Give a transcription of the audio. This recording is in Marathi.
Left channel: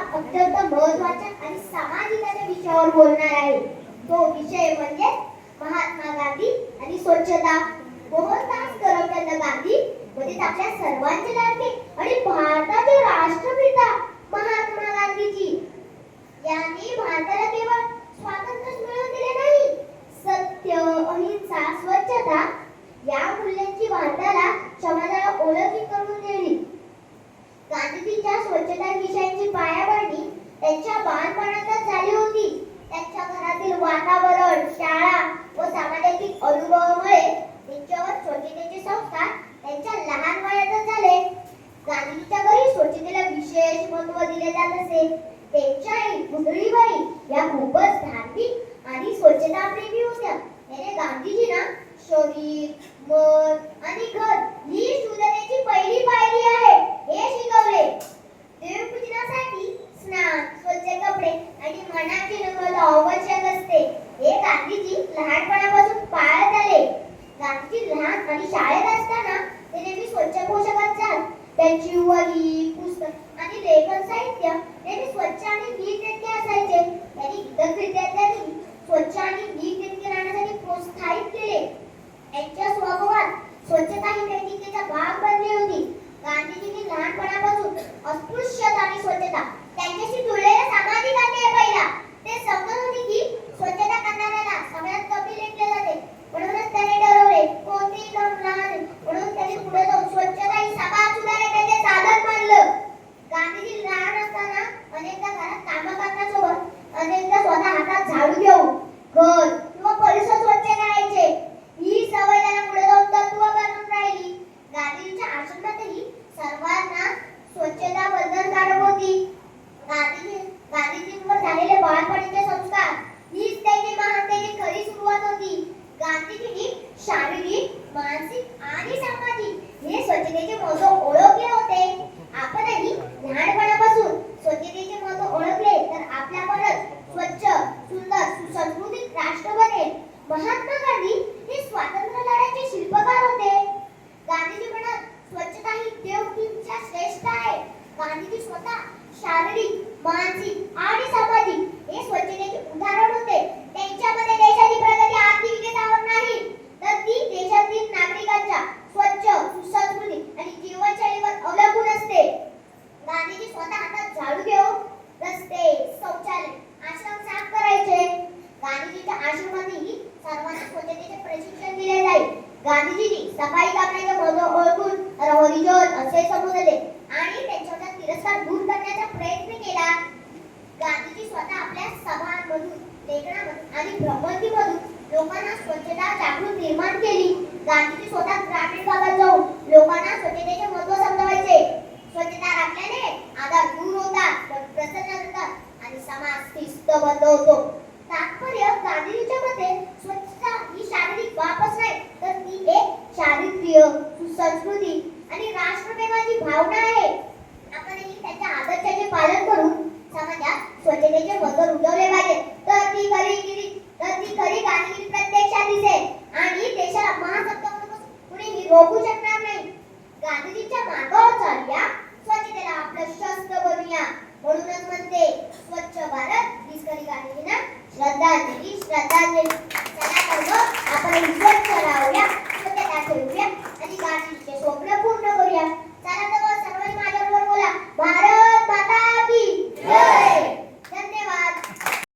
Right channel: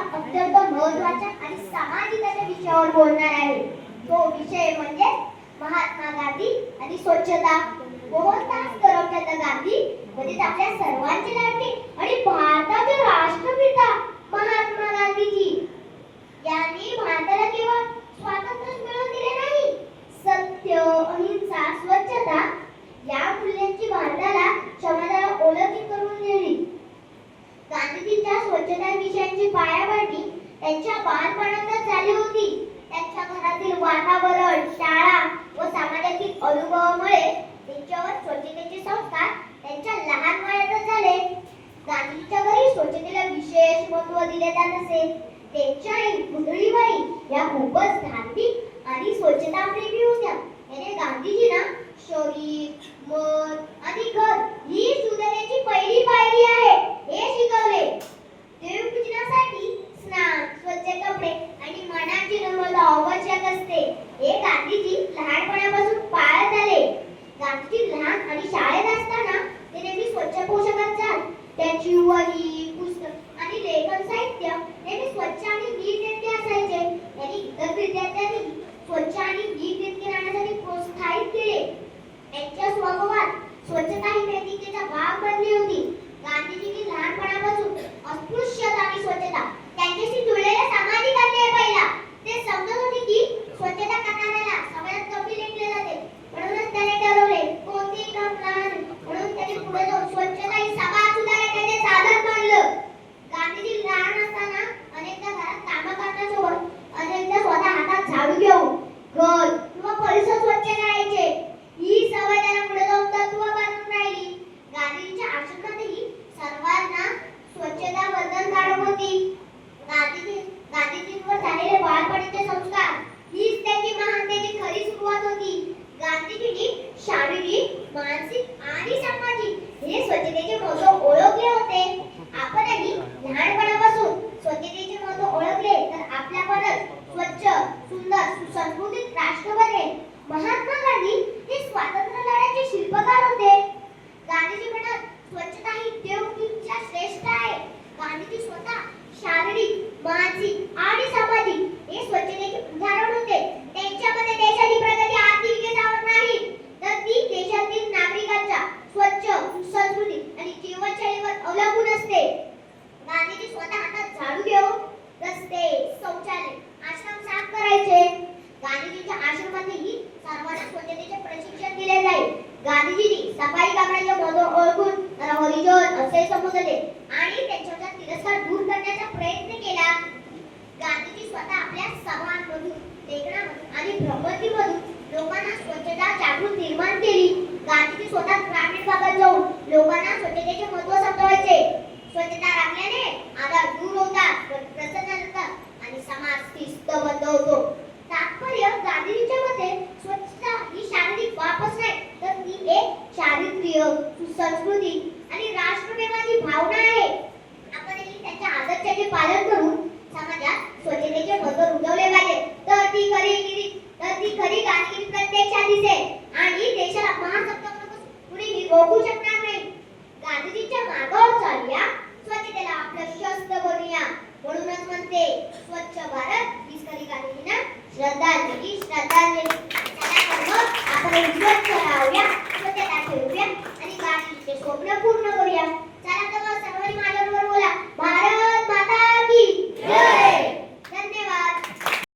अत्यंत महत्त्वाच्या आणि सामाजिकाच्या विषयावर बोलणार आहे. तो विषय म्हणजे महात्मा गांधी आणि स्वच्छता. मोहनदास करमचंद गांधी म्हणजे आपल्या सर्वांचे लाडके आणि भारताचे राष्ट्रपिता महात्मा गांधीजी. यांनी भारताला केवळ स्वातंत्र्य मिळवून दिले नाही सत्य अहिंसा स्वच्छता या मूल्यांची भारताला समाजाला ओळखी करून दिली गांधीजींच्या स्वच्छता विषयांची पायाभरणी त्यांच्या बालपणातच झाली होती त्यांच्या घरातील वातावरण शाळा व समाजातील अनुभवामुळे त्यांच्यावर स्वच्छतेचे संस्कार त्यांच्या लहान वयातच झाले गांधीजीच्या घरी स्वच्छतेला विशेष महत्त्व असे. त्यांच्या आई पुतळीबाई या खूपच धार्मिक आणि स्वच्छता प्रेमी होत्या. त्याने गांधीजींना शरीर मन आणि घर ही सुधारण्याची पहिली पायरी आहे. हे शिकवले. देवपूजनासाठी स्नान स्वच्छ कपडे आणि मनाची नम्रता आवश्यक असते. हे गांधीजी लहानपणापासून पाळत आले. गांधीजी लहान आणि शाळेत असताना ते नेहमी स्वच्छ पोशाखात जात. त्यांची वही पुस्तक आणि लेखन साहित्य नेहमी स्वच्छ आणि नीटनेटके असायचे त्यांनी इतर विद्यार्थ्यांनी स्वच्छ आणि नीटनेटके राहण्यासाठी प्रोत्साहित केले त्यांच्या स्वभावात स्वच्छता ही नैतिकतेचा बनली होती. गांधीजींनी लहानपणापासून अस्पृश्यता आणि स्वच्छता त्यांच्याशी जुळलेला सामाजिक अन्याय पाहिला ते समजत होते की स्वच्छता करणाऱ्याला समाजात कमी लेखले जाते म्हणूनच त्याने ठरवले कोणतेही काम लहान म्हणून त्याने पुढे जाऊन स्वच्छता ही समाज सुधारण्याचे साधन मानलं गांधीजी लहान असताना अनेकदा घरात कामं करण्यासोबत अनेकदा स्वतः हातात झाडू घेऊन घर किंवा परिसर स्वच्छ करायचे ही सवय त्यांना पुढे जाऊन तत्व बनून राहिली गांधीजींच्या आश्रमातही सर्वांना स्वच्छता बंधनकारक होती गांधीजी गांधीजींवर झालेले बाळपणीचे संस्कार हीच त्यांची महानतेची खरी सुरुवात होती गांधीजींनी शारीरिक मानसिक आणि सामाजिक हे स्वच्छतेचे महत्त्व ओळखले होते आपणही लहानपणापासून स्वच्छतेचे महत्त्व ओळखले तर आपल्याकडच स्वच्छ सुंदर सुसंस्कृतिक राष्ट्र बनेल महात्मा गांधी हे स्वातंत्र्य लढ्याचे शिल्पकार होते गांधीजी म्हणत स्वच्छता ही देवकीच्या श्रेष्ठ आहे गांधीजी स्वतः शारीरिक मानसिक आणि सामाजिक हे स्वच्छतेचे उदाहरण होते त्यांच्यामध्ये देशाची प्रगती आर्थिक विकासावर नाही तर ती देशातील नागरिकांच्या स्वच्छ सुसंस्कृतिक आणि जीवनशैलीवर अवलंबून असते गांधीजी स्वतः हातात झाडू घेऊन रस्ते शौचालय आश्रम साफ करायचे गांधीजीच्या आश्रमातही सर्वांना स्वच्छतेचे प्रशिक्षण दिले जाईल. गांधीजींनी सफाई कामगारांचे महत्त्व ओळखून त्याला हरिजन असे संबोधले. आणि त्यांच्याचा तिरस्कार दूर करण्याचा प्रयत्न केला. गांधीजी स्वतः आपल्या सभांमधून लेखनामधून आणि भ्रमंतीमधून लोकांना स्वच्छता जागृत निर्माण केली. गांधीजी स्वतः ग्रामीण भागात जाऊन लोकांना स्वच्छतेचे महत्त्व समजावायचे. स्वच्छता राखल्याने आधार दूर होतात प्रसन्न होतात आणि समाज शिस्तबद्ध होतो तात्पर्य गांधीजीच्या मते स्वच्छता ही शारीरिक बाबच नाही तर ती एक चारित्र्य सुसंस्कृती आणि राष्ट्रप्रेमाची भावना आहे. आपणही त्याच्या आदर्शाचे पालन करून समाजात स्वच्छतेचे महत्त्व रुजवले पाहिजे तर ती खरी तर ती खरी कामगिरी प्रत्यक्षात दिसेल. आणि देशाला महासत्ता म्हणून कुणीही रोखू शकणार नाही. गांधीजींच्या मार्गावर चालूया. स्वच्छतेला आपलं शस्त्र बनूया. म्हणूनच म्हणते स्वच्छ भारत